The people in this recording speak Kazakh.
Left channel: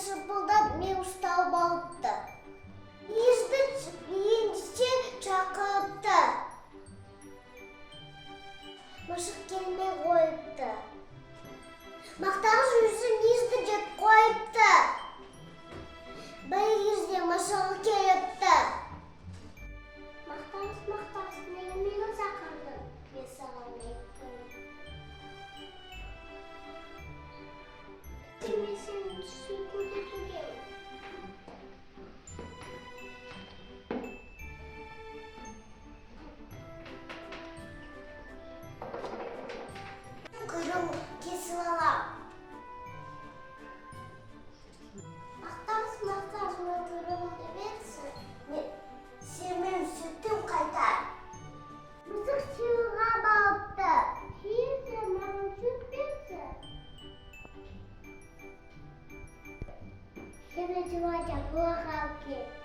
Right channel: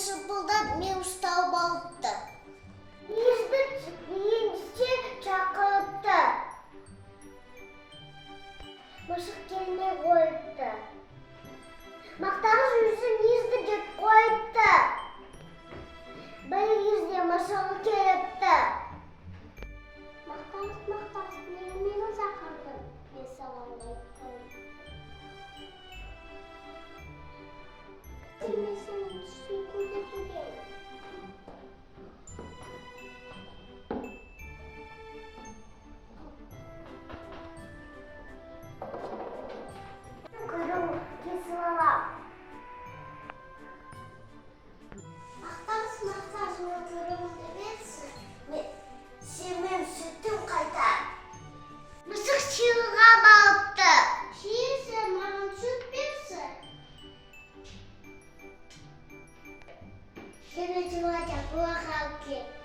шыпылдап мен ұстап алыпты. Ешбір шақырыпты. Мысық келмей қойыпты. Мақтағыз жүзін езді жеп қойыпты. Бір кезде мысығы келіпті. Мақтағыз, мені шақырдың. Мен саған айттым. Мен сені түсін көрсетуге. Күрің кесіп алам. Мақтағыз, өтірімді берсін. Сен мен сүттім қайтар. Мысық шиырға балыпты. Шиырсың, маған сүт берсін. Сені жұлады, бұға қалып кеп.